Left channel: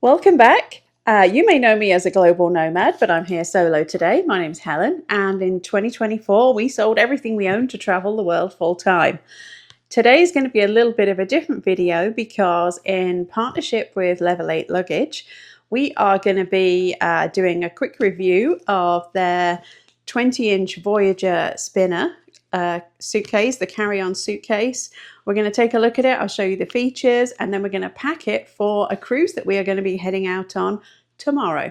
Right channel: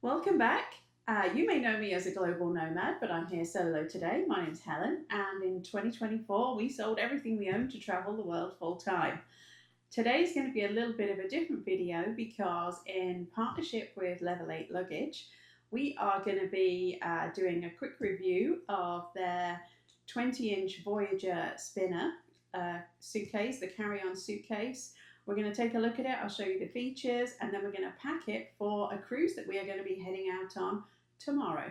Welcome back. You may know me as a global nomad, but I'm here solo today. My name's Helen, and in 2024, we sold everything we owned to travel the world full time. Today is going to be a little bit of a different video because in partnership with Level 8 Luggage, we are going to be doing a quick review of their 20-inch Voyageur spinner suitcase, the carry-on suitcase. We're going to take a look at it. I'll show you the features, and then we're going to pack it for a cruise that we are going to be heading out on tomorrow.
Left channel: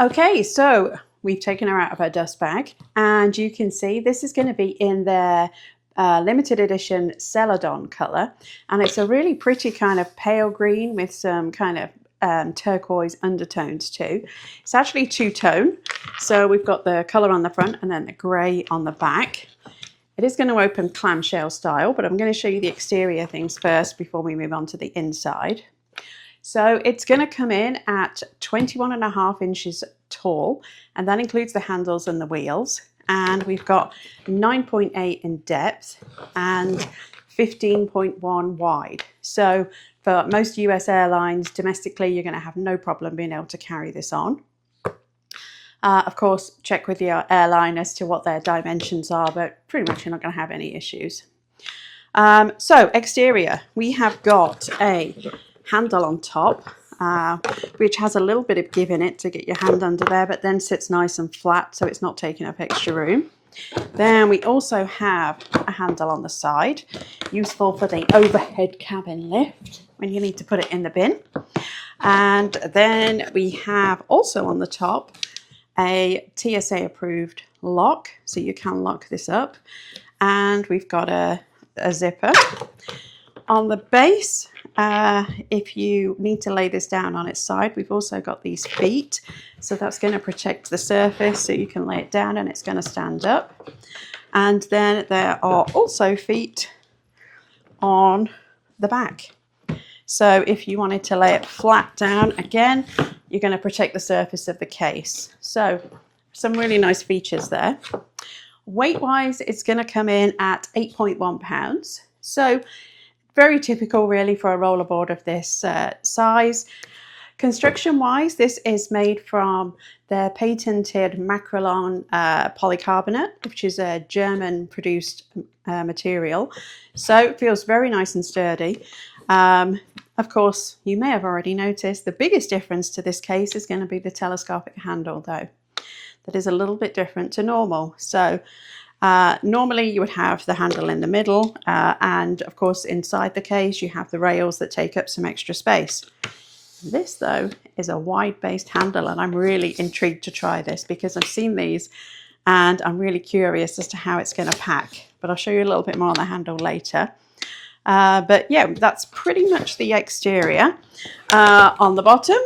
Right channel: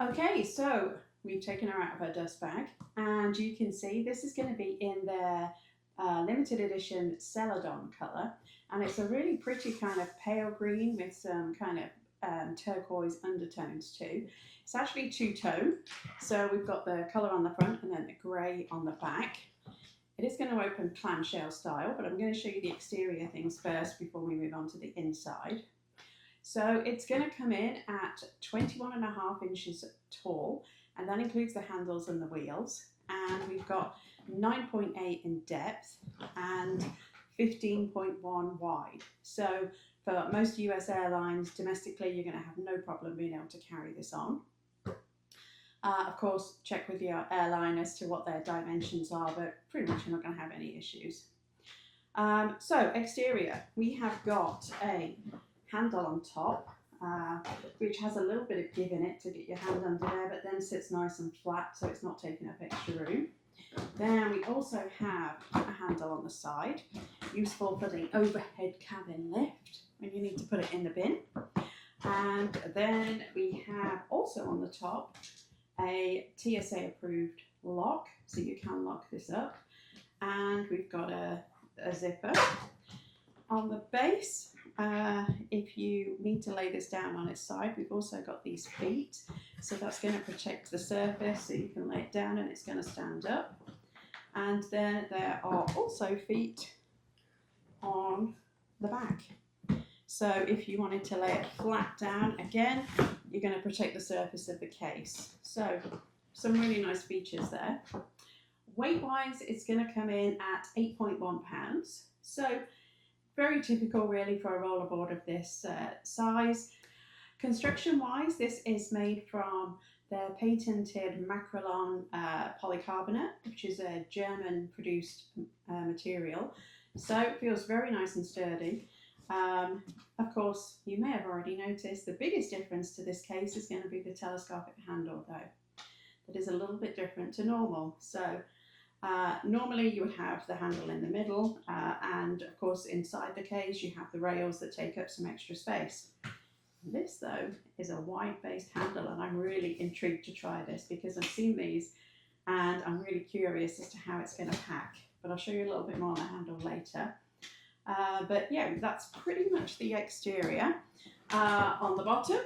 Okay, so we've taken her out of her dust bag, and you can see this is going to be in their limited edition Celadon colour, and it's a really pretty kind of pale green with some kind of turquoise undertones too. It's actually two-tone, so we've got the colour on the front and then the grey on the back. It is going to open clamshell style, but I'm going to show you the exterior things first before we move on to the inside. So it's going to come in at 21.5 inches tall, and that includes the handles and the wheels. And we've got 9.8 in depth and 15.1 wide. So for most US airlines, domestically, you're going to have no problem being able to carry this on. Of course, check with your airline as to what their dimensions are, but pretty much you're not going to have any issues. So exterior, we have got a handle on top, which has a little bit of give in it to get your hand under there, but then sits nice and flat, so it's not taking up extra room. Then we also have a handle on the side, useful for the overhead cabin lift when you need to put it in the bin. And then we have also on the top a TSA approved lock, so you can lock this up. And we've got a zipper. On the base, if you need to lay this down on its side, we've also got these feet. So that's going to protect the surface so you can lay it down and it's going to stand up. And then there are also feet on the back. So if you wanted to lay it flat down, again, you're going to protect the surface of the case. So some really nice features there. Weight-wise, it's going to come in at 8.1 pounds. So very typical really for a rollerboard of this size. Construction-wise, this is made from their patented Macrolon polycarbonate, which is a German-produced material. So it feels very nice and sturdy. Of course, you may have already noticed the biggest difference to this case is going to be the telescopic handle, though. That is a little bit different to normal. So normally you would have the handle in the middle, and of course inside the case you have the rails that take up some extra space. This, though, is a wide-based handle, and I'm really intrigued to try this because I've seen these and I'm really curious as to how it's going to pack. But I'll show you a little bit more on the handle later. But yeah, that's pretty much the exterior. On the bottom,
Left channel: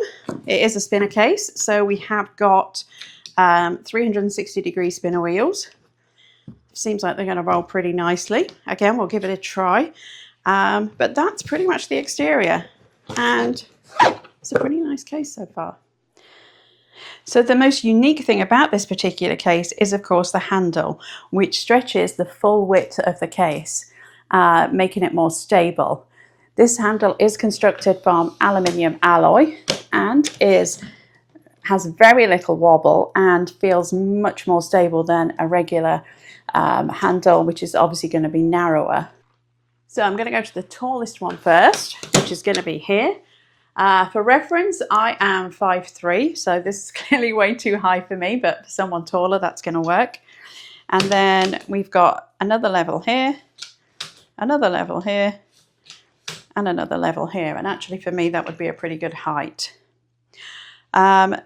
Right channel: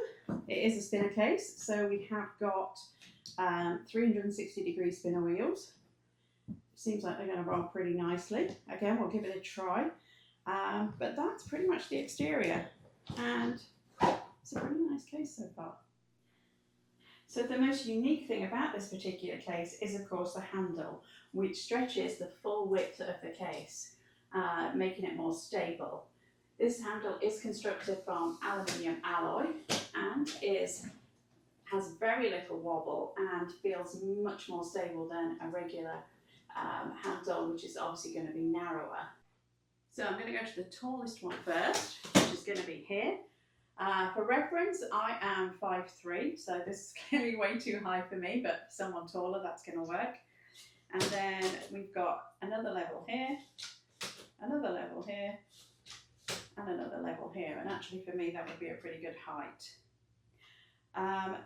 it is a spinner case. So we have got 360-degree spinner wheels. Seems like they're going to roll pretty nicely. Again, we'll give it a try. But that's pretty much the exterior. And it's a pretty nice case so far. So the most unique thing about this particular case is, of course, the handle, which stretches the full width of the case, making it more stable. This handle is constructed from aluminium alloy and has very little wobble and feels much more stable than a regular handle, which is obviously going to be narrower. So I'm going to go to the tallest one first, which is going to be here. For reference, I am 5'3", so this is clearly way too high for me, but for someone taller, that's going to work. And then we've got another level here, another level here, and another level here. And actually for me, that would be a pretty good height.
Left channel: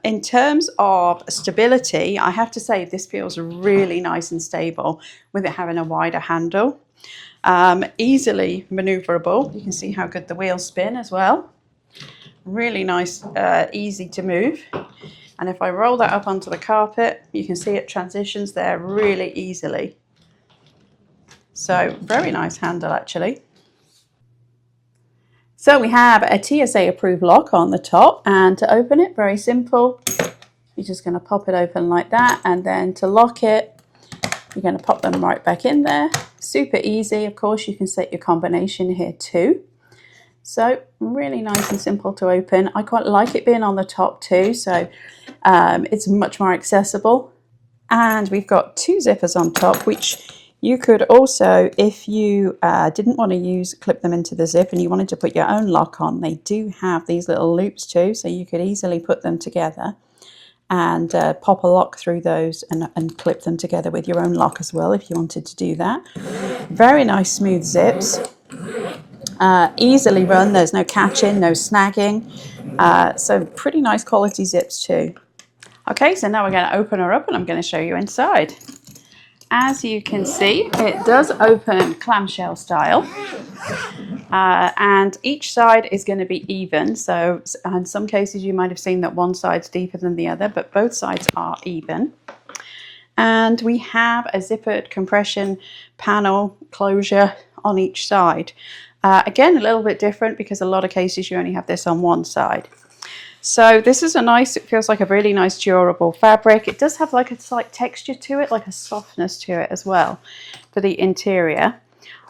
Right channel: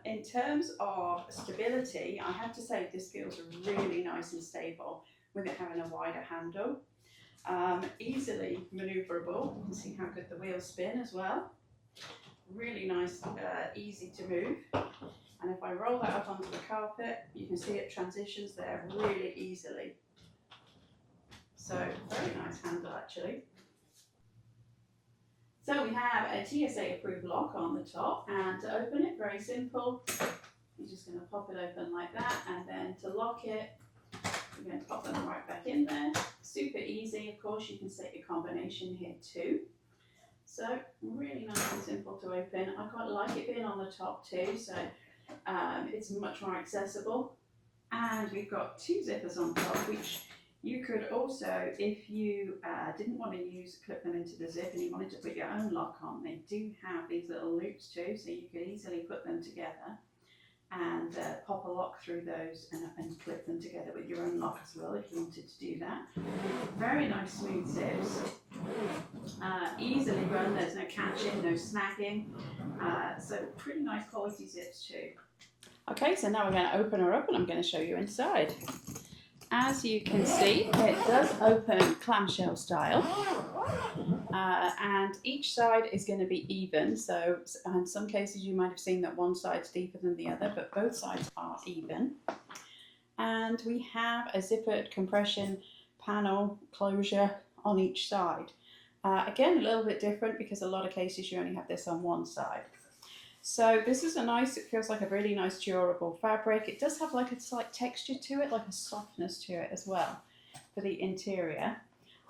In terms of stability, I have to say this feels really nice and stable with it having a wider handle. Easily maneuverable. You can see how good the wheels spin as well. Really nice, easy to move. And if I roll that up onto the carpet, you can see it transitions there really easily. So very nice handle actually. So we have a TSA approved lock on the top, and to open it, very simple. You're just going to pop it open like that, and then to lock it, you're going to pop them right back in there. Super easy. Of course, you can set your combination here too. So really nice and simple to open. I quite like it being on the top too, so it's much more accessible. And we've got 2 zippers on top, which you could also, if you didn't want to clip them into the zip and you wanted to put your own lock on, they do have these little loops too, so you could easily put them together and pop a lock through those and clip them together with your own lock as well if you wanted to do that. Very nice smooth zips. Easily run, there's no catching, no snagging, so pretty nice quality zips too. Okay, so now we're going to open her up and I'm going to show you inside. As you can see, it does open clamshell style, and each side is going to be even. So in some cases you might have seen that one side's deeper than the other, but both sides are even. And we have a zippered compression panel closure on each side. Again, a little bit different because a lot of cases you only have this on one side. So this is it feels like a really nice durable fabric. It does have like a slight texture to it, like a softness to it as well for the interior.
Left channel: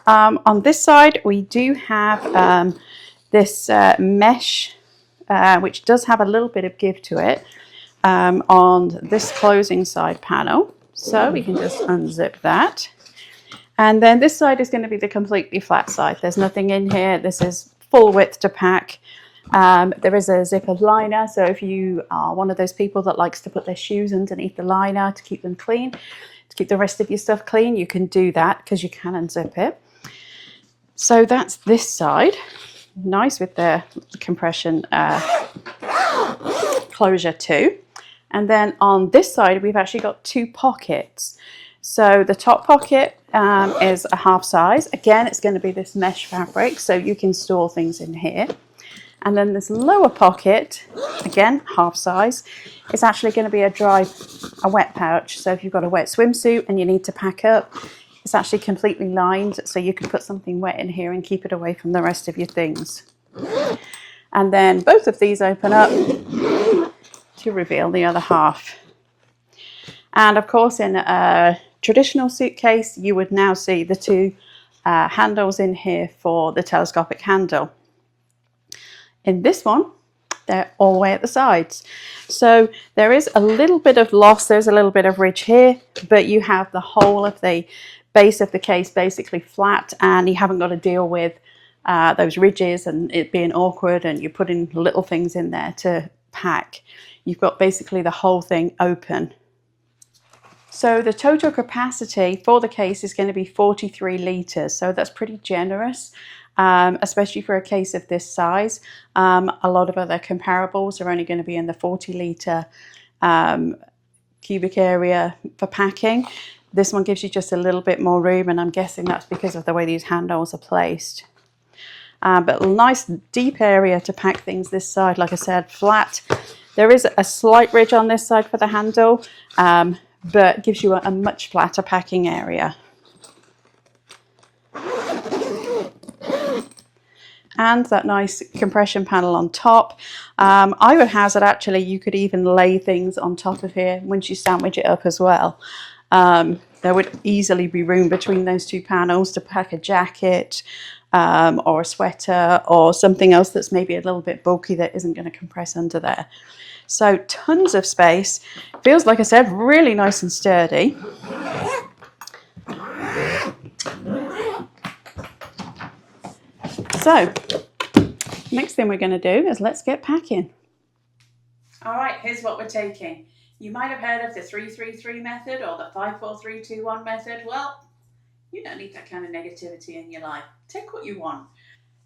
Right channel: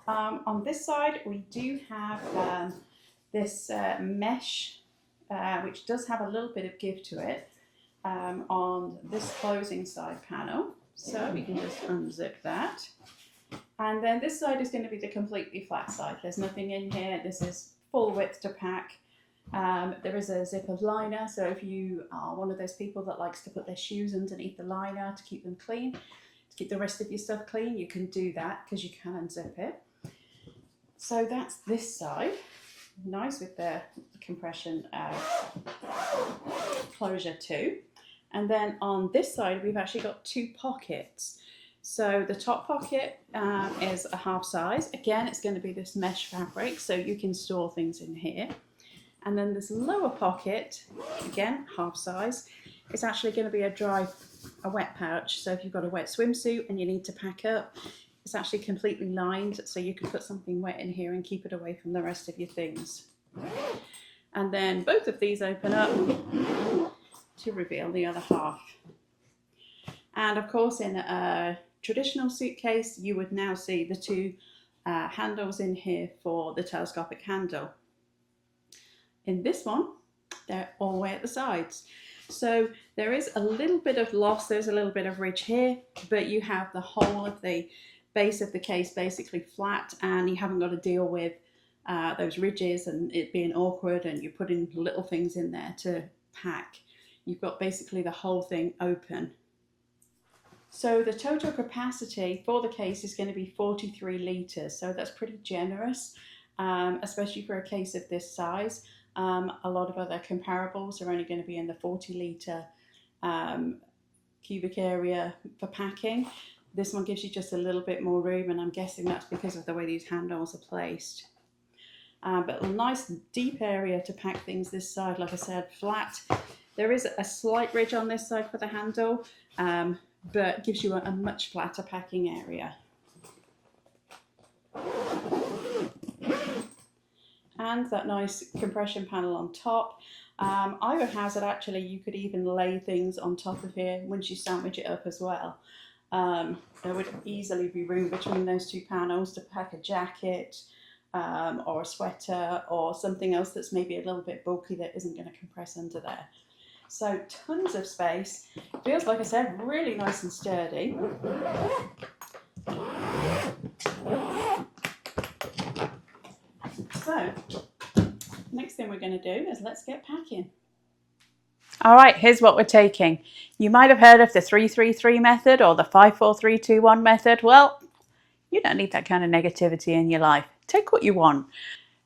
On this side we do have this mesh, which does have a little bit of give to it on this closing side panel. So we can just unzip that. And then this side is going to be the completely flat side. There's nothing in here. This is full width to pack. There is a zipper liner, so if you are one of those people that likes to put their shoes underneath the liner to keep them clean, to keep the rest of your stuff clean, you can do that because you can unzip it. So that's this side, nice with the compression closure too. And then on this side we've actually got 2 pockets. So the top pocket is a half size. Again, it's going to be this mesh fabric, so you can store things in here. And then this lower pocket, again, half size, is actually going to be a wet pouch. So if you've got a wet swimsuit and you need to pack up, it's actually completely lined, so you can put something wet in here and keep it away from the rest of your things. And then both of these open up to reveal the other half. And of course, in a traditional suitcase, you would now see the 2 handles in here for the telescopic handle. In this one, they're all the way at the sides. So there is a little bit of loss, there's a little bit of ridge here, but you have the whole of the base of the case basically flat, and you haven't got to deal with those ridges and it being awkward and you're putting little things in there to pack. You've got basically the whole thing open. So the total capacity for the case is going to be 43 litres, so that's pretty generous. Especially for a case of this size. A lot of other comparables are only going to be in the 40 litre cubic area for packing. This one gives you just a little bit more room, and I'm guessing that's because of the way these handles are placed. But a nice deep area to pack things this side, like I said, flat. There is a slight ridge on this side for the handle, but gives you a much flatter packing area. And that nice compression panel on top. I would hazard actually you could even lay things on top of here once you sandwich it up as well. There would easily be room between those 2 panels to pack a jacket or a sweater or something else that's maybe a little bit bulky that isn't going to compress under there. So tons of space. Feels, like I said, really nice and sturdy. So, next thing we're going to do is let's get packing. All right, here's what we're taking. You might have heard of the 3-3-3 method or the 5-4-3-2-1 method. Well, you don't need that kind of negativity in your life. Take what you want.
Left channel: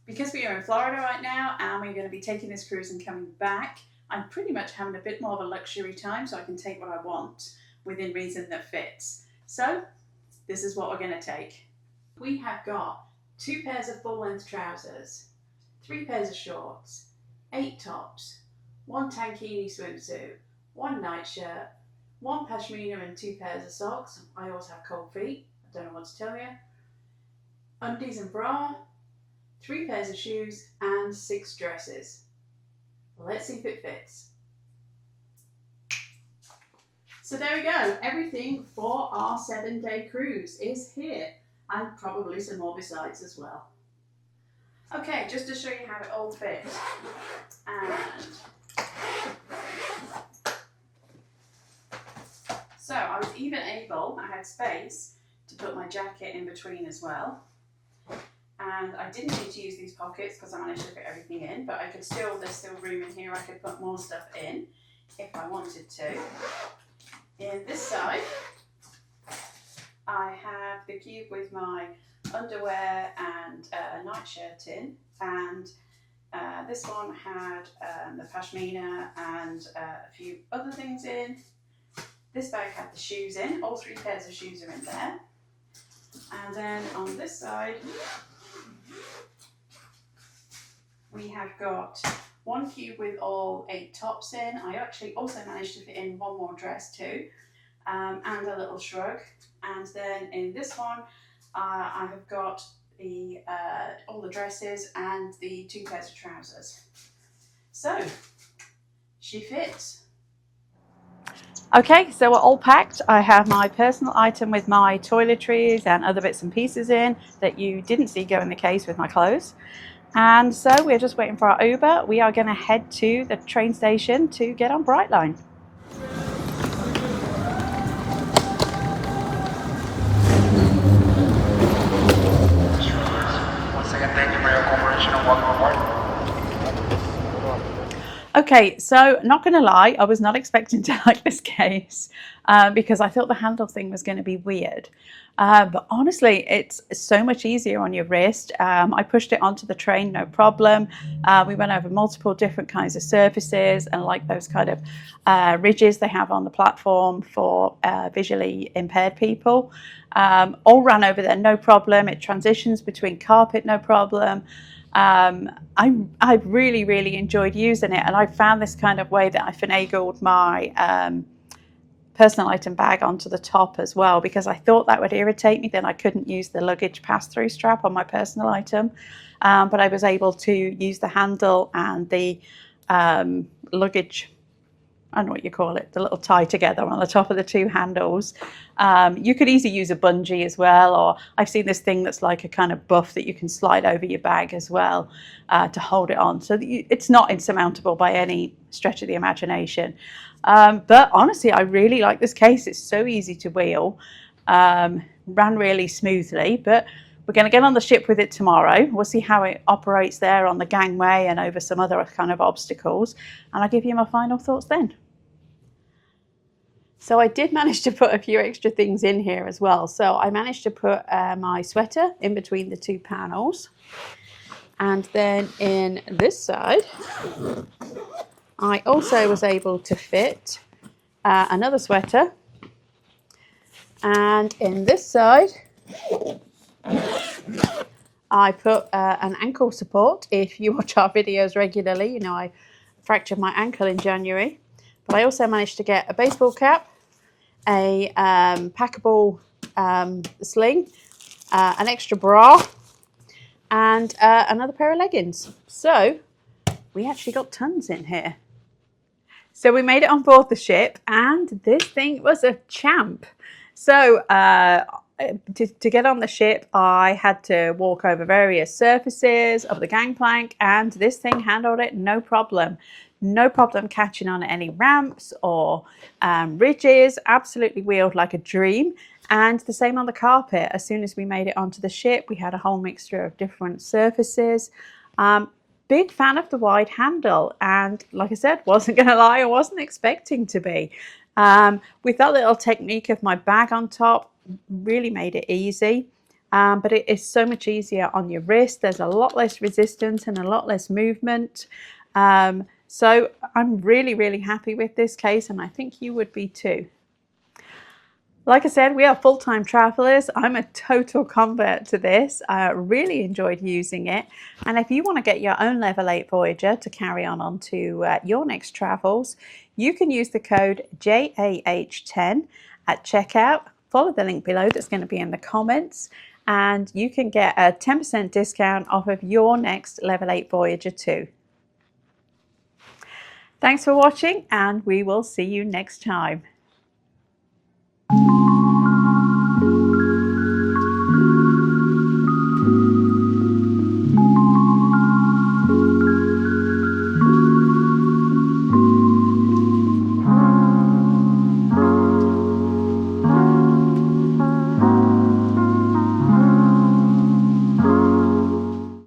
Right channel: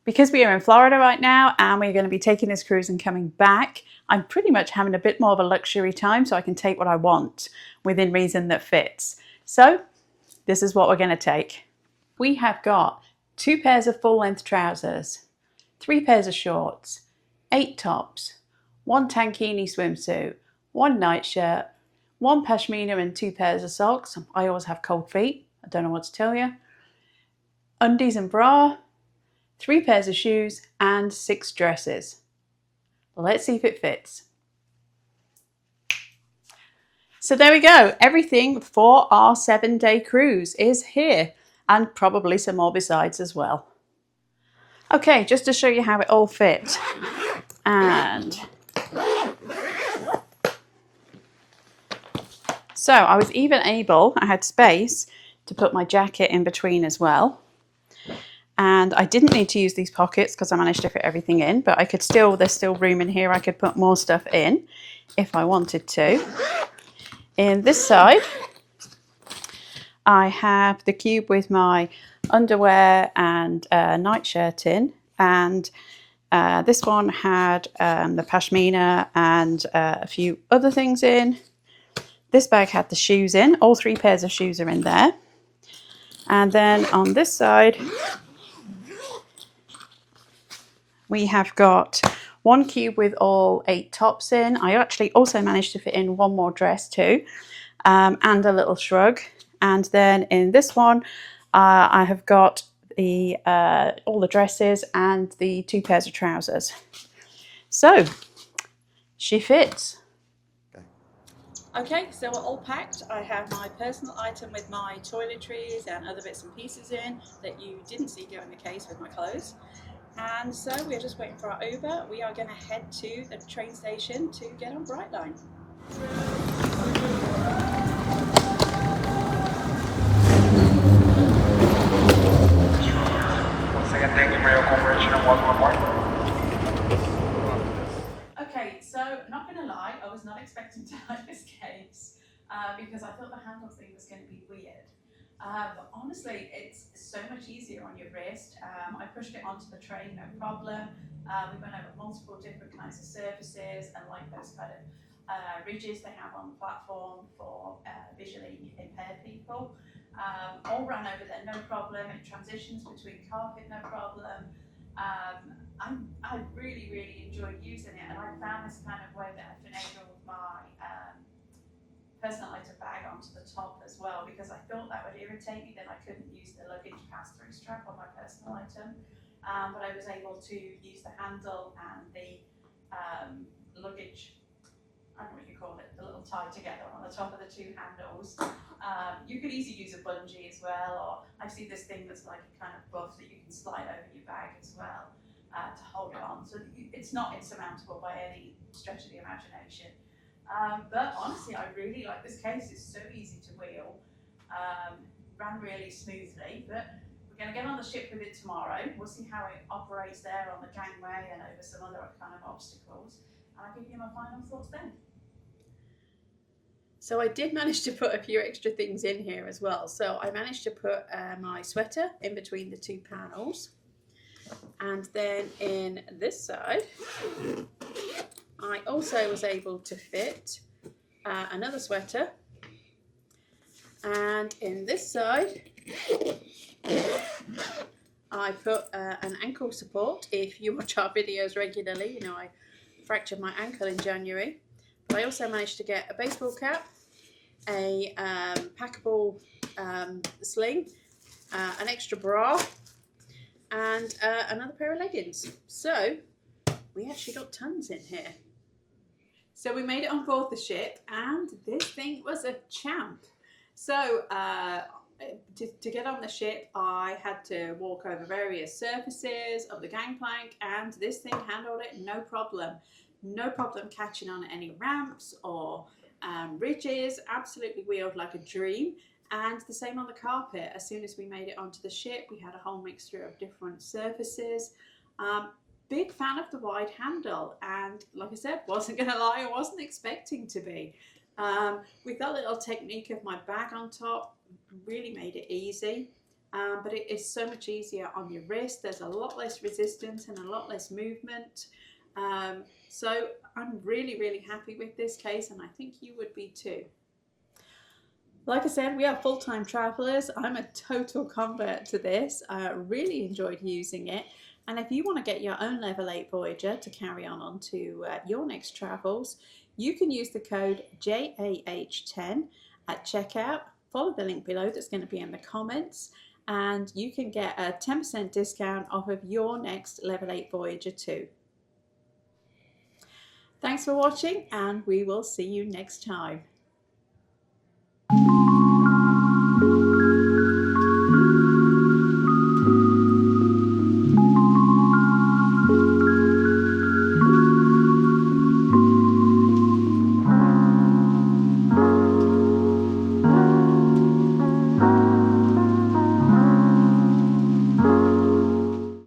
Because we are in Florida right now and we're going to be taking this cruise and coming back, I'm pretty much having a bit more of a luxury time so I can take what I want within reason that fits. So, this is what we're going to take. We have got 2 pairs of full-length trousers, 3 pairs of shorts, 8 tops, 1 tankini swimsuit, 1 nightshirt, 1 pashmina and 2 pairs of socks. I always have cold feet, I don't know what to tell you. Undies and bra, 3 pairs of shoes and 6 dresses. Let's see if it fits. So there we go. Everything for our 7-day cruise is here, and probably some more besides as well. Okay, just to show you how it all fit. And so I was even able, I had space to put my jacket in between as well. And I didn't need to use these pockets because I managed to fit everything in, but I could still, there's still room in here. I could put more stuff in if I wanted to. In this side, I have the cube with my underwear and nightshirt in, and this one had the pashmina and a few other things in. This bag had the shoes in, all 3 pairs of shoes are in there. And then on this side, we have got 1 cube with all 8 tops in. I actually also managed to fit in 1 more dress too, and a little shrug. And then in this one, I have got the all the dresses and the 2 pairs of trousers. So she fits. Okay, so we're all packed. I have my personal item with my toiletries and other bits and pieces in that you didn't see go in the case with my clothes. And so we're just waiting for our Uber. We are going to head to the train station to get on Brightline. Okay, so not going to lie, I was not expecting to like this case because I thought the handle thing was going to be weird. But honestly, it's so much easier on your wrist. I pushed it onto the train, no problem. We went over multiple different kinds of surfaces and like those kind of ridges they have on the platform for visually impaired people. All ran over there, no problem. It transitions between carpet, no problem. I really enjoyed using it, and I found this kind of way that I finagled my personal item bag onto the top as well, because I thought that would irritate me, then I couldn't use the luggage pass-through strap on my personal item, but I was able to use the handle and the luggage, I don't know what you call it, the little tie together on the top of the 2 handles. You could easily use a bungee as well, or I've seen this thing that's like a kind of buff that you can slide over your bag as well to hold it on. So that it's not insurmountable by any stretch of the imagination. But honestly, I really like this case. It's so easy to wheel, ran really smoothly, but we're going to get on the ship with it tomorrow. We'll see how it operates there on the gangway and over some other kind of obstacles, and I'll give you my final thoughts then. So I did manage to put a few extra things in here as well. So I managed to put my sweater in between the 2 panels. And then in this side, I also was able to fit another sweater. And in this side, I put an ankle support. If you watch our videos regularly, you know I fractured my ankle in January. But I also managed to get a baseball cap, a packable sling, an extra bra, and another pair of leggings. So we actually got tons in here. So we made it on board the ship, and this thing was a champ. So to get on the ship, I had to walk over various surfaces of the gangplank, and this thing handled it no problem. No problem catching on any ramps or ridges, absolutely wheeled like a dream. And the same on the carpet. As soon as we made it onto the ship, we had a whole mixture of different surfaces. Big fan of the wide handle, and like I said, wasn't going to lie, I wasn't expecting to be. With that little technique of my bag on top, really made it easy. But it is so much easier on your wrist. There's a lot less resistance and a lot less movement. So I'm really happy with this case, and I think you would be too. Like I said, we are full-time travelers. I'm a total convert to this. I really enjoyed using it. And if you want to get your own Level 8 Voyager to carry on to your next travels, you can use the code JAH10 at checkout. Follow the link below that's going to be in the comments, and you can get a 10% discount off of your next Level 8 Voyager too. Thanks for watching, and we will see you next time.